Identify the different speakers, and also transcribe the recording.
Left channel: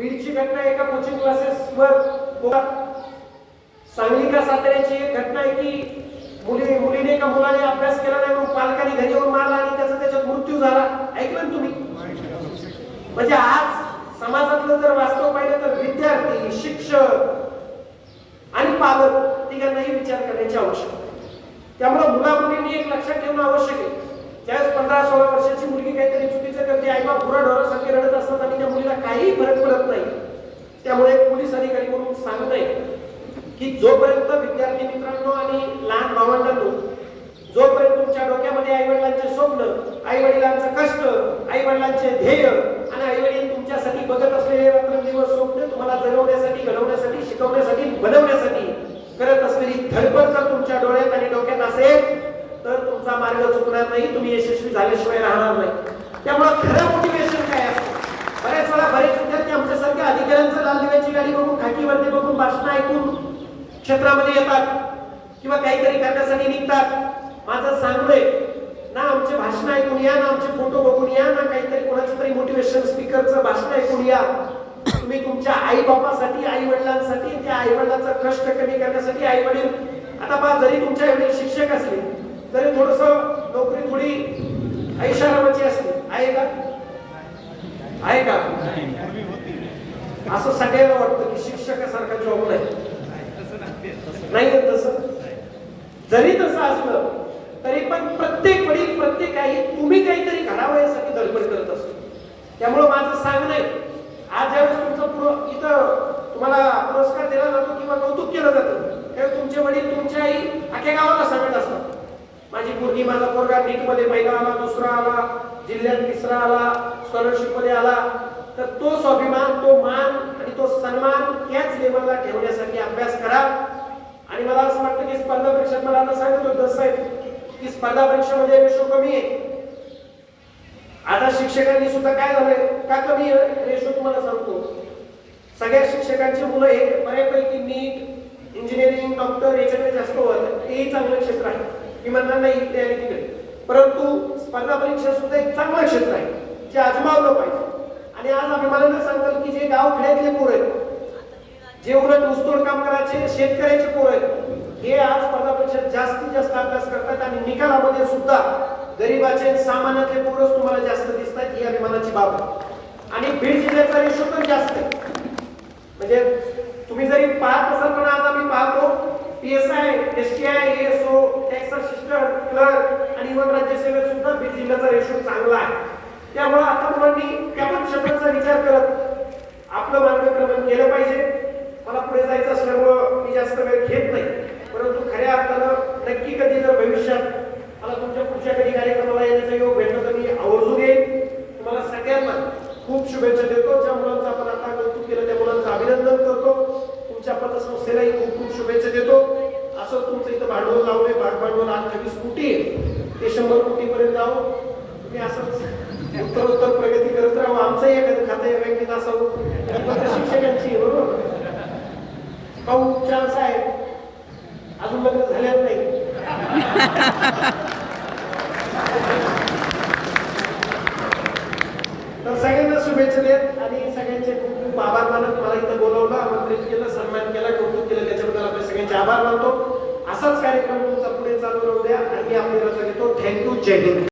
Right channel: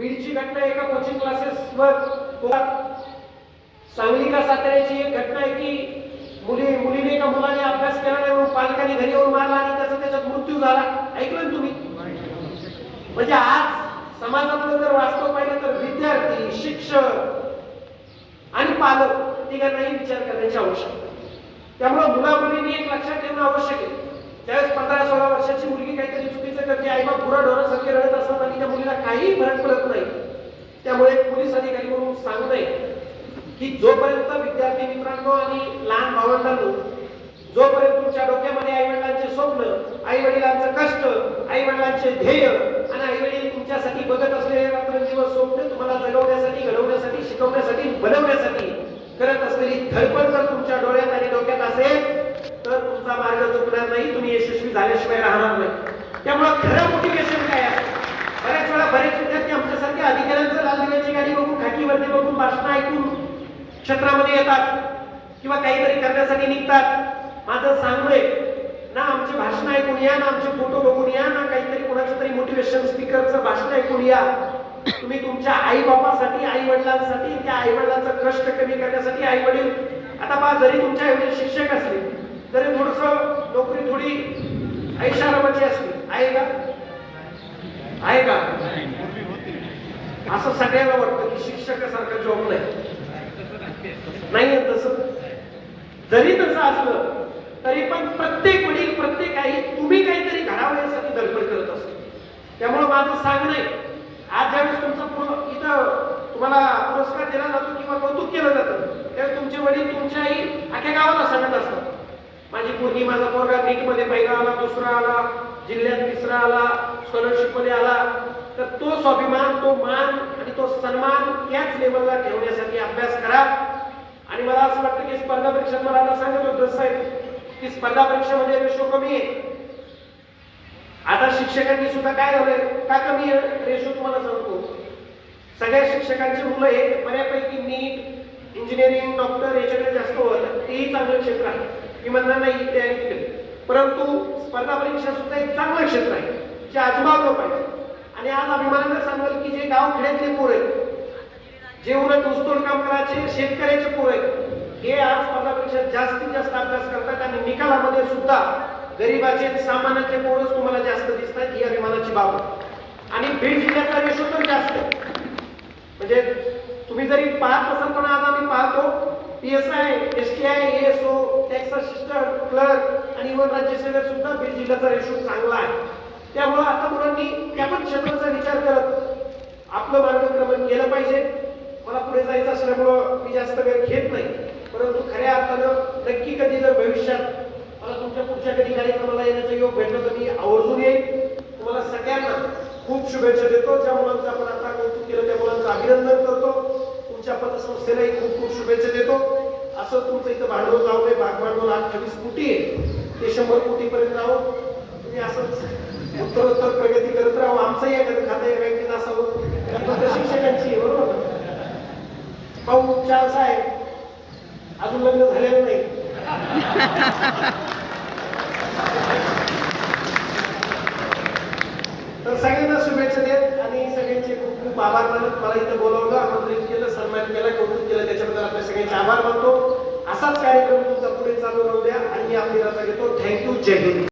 Speaker 1: बीडची घटना एका कोचिंग क्लासेसवर होतात सांगली का साताऱ्याची एक घटना आहे की मुली मुलीने का मुलाने अभ्यास केला नाही म्हणून पालकांनी घरी येऊन मारला आणि त्याचा त्याच्यात मृत्यू झाला. ऐकलं तुम्ही? म्हणजे आज समाजातलं जर वास्तव पाहिलं तर विद्यार्थी शिक्षक आणि पालक तिघांनाही विचार करण्याची आवश्यकता आहे. त्यामुळे मुला मुलींनी एक लक्षात ठेवणं आवश्यक आहे. त्यावेळेस पंधरा सोळा वर्षाची मुलगी काहीतरी चुकीचं करते आई बाप पुरा ढोरासारखे रडत असतात आणि त्या मुलीला काही फरक पडत त्यामुळे पोलीस अधिकारी म्हणून सांगताय की जोपर्यंत विद्यार्थी मित्रांनो आणि लहान भावंडांनो जोपर्यंत तुमच्या डोक्यामध्ये आई वडिलांचे स्वप्न आई वडिलांचं कष्ट आई वडिलांचे ध्येय आणि आई वडील तुमच्यासाठी बघत असलेले रात्रंदिवस स्वप्न तुम्हाला जगवण्यासाठी घडवण्यासाठी शिकवण्यासाठी बनवण्यासाठी करत असलेली धडपड जर तुमच्या डोळ्यात आणि डोक्यात असेल तर तुमचा मार्ग चुकणार नाही. तुम्ही यशस्वी झाल्याशिवाय राहणार नाही. त्यामुळे खरं मोटिवेशन काय असतं बऱ्याच वेळा बरेच विद्यार्थी आमच्यासारख्या अधिकाऱ्यांचं लाल दिव्याची गाडी बघून खाकीवरती बघून भाषण ऐकून क्षेत्रामध्ये येतात किंवा काहीतरी करण्यासाठी निघतात. माझं सांगणंय ना आमचे भाषण ऐकून या ना आमचे फोटो बघून या ना काहीतरी कोणाचं तरी मोटिवेशन स्पीकरचं भाषण ऐकून या. तुम्ही तुमच्या आई बापासाठी आई वडिलांसाठी त्या आई वडिलांचा कष्ट कमी करण्यासाठी आई वडील आता पहा जरी तुमच्या एवढे शिक्षक असले तरी थोडस नोकरी थोडी ऐशारामाची असली आहे का? आहे का? असं सगळ्याला वाटतं की शिक्षकासारखा जॉब नाही. नाही आहे तसं. जरी तसं असलं तरी पण प्रत्येक वडील प्रत्येक आई तुम्ही काहीतरी घडावं यासाठी धडपड करत असतो. त्यामुळं माझं सांगणं आहे आज ज्यावेळेस तुमचं इथं तुम्हाला पुरस्कार दिला जातो किंवा कौतुक केलं जातं त्यावेळेस तुमचे वडील तुमच्या आई अख्या गावाला सांगत असतात. माझी मुलगी माझा पोरगा नीटमध्ये पहिला आला दुसरा आला जिल्ह्यात तिसरा आला स्कॉलरशिपमध्ये आला. तर तो स्वाभिमान तो मान आणि तो सन्मान याच लेवलला ठेवण्यासाठी अभ्यास करा. मला असं वाटतं की स्पर्धा परीक्षा मला आता सांगत होतो साहेब की स्पर्धा परीक्षेमध्ये रेशो कमी आहे. आता शिक्षकांनी सुद्धा काय झालंय? का कमी आहे? रेशो तुम्हाला सांगतो. सगळ्या शिक्षकांची मुलं हे बऱ्यापैकी नीट इंजिनिअरिंग डॉक्टर याच्याकडे जास्त वळत तेही चांगलं क्षेत्र आहे. मी म्हणणार नाही इथे आणि तिकडे. परंतु स्पर्धा परीक्षा सुद्धा एक चांगलं क्षेत्र आहे जे आजमावलं पाहिजे. आणि आज अभिमानानं सांगाल की जे गाव खेड्यातले पोरं आहेत जे उलट ऊसतोड करायचे शेतकऱ्याचे पोरं आहेत हे आज पदापेक्षा जास्तीत जास्त अभ्यास करतात आणि निकालामध्ये सुद्धा गरीबाचे सामान्यातले पोरच तुम्हाला जास्त दिसतात ही अभिमानाची बाब आणि बीड जिल्ह्याचा रेशो तर जास्त म्हणजे तुम्ही जरी पाहत असाल पण आज आम्ही पाहतो P S I S T I S O tax assistant clerk आणि इव्हन राज्यसेवेत सुद्धा बीड जिल्ह्याचा रेशो चांगला आहे त्यामुळं आता मुलांनी त्या पण क्षेत्राचा विचार करत आपलं मार्गक्रमण केलं पाहिजे मला पुढे जायचं असल्यामुळं मी जास्त वेळ घेत नाही परंतु खऱ्या अर्थानं नक्की कधी जर भविष्यात मला तुमच्या पुढच्या कधी कार्यक्रमाला येण्याचा योग भेटला तर मी आवर्जून येईल तुम्हाला सगळ्यांना खूप शुभेच्छा देतो. ज्या मुलांचं आपण आता कौतुक केलं त्या मुलांचं अभिनंदन करतो. तुमच्या पतसंस्थेलाही खूप खूप शुभेच्छा देतो. असं तुमचं इथं भांडवल लावले भाग भांडवल आज नवीस कोटी आहे. ते शंभर कोटीपर्यंत जाऊ तुम्ही असंच उत्तर उत्तर प्रगती करत राहू. आमचंही एखादं खातं या बँकेत असावं. शिक्षकांची बरोबर? भाऊ चार साहेब अजून लग्न झालेलं नाही. checking.